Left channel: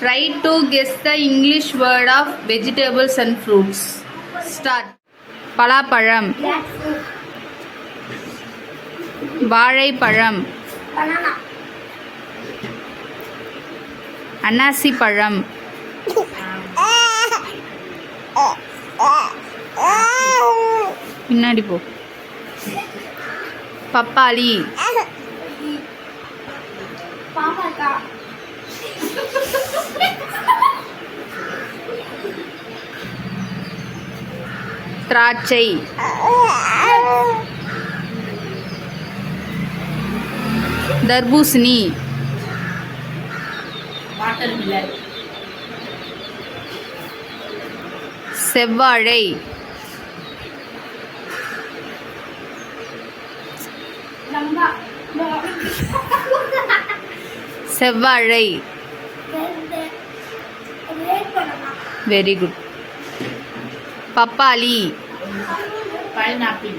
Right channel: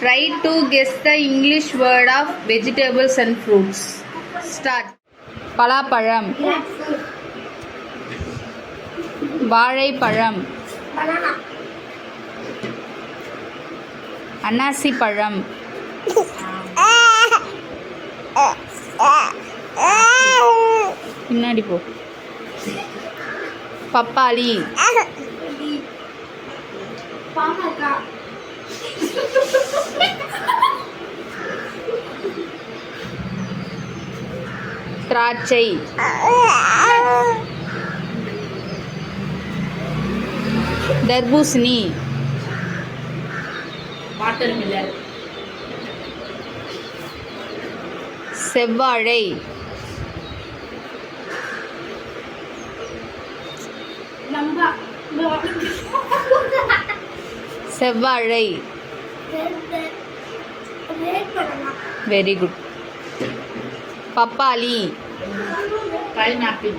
Try to guess the English word of vegetables and fruits. Start. பலாப்பழம், வாழைப்பழம், அன்னாசி பழம், பின்னாடி போ, பப்பாளி, திராட்சை, தர்பூசணி, செவ்வாழை, செவ்வாழை. Very good. பப்பாளி, பைனாப்பிள்.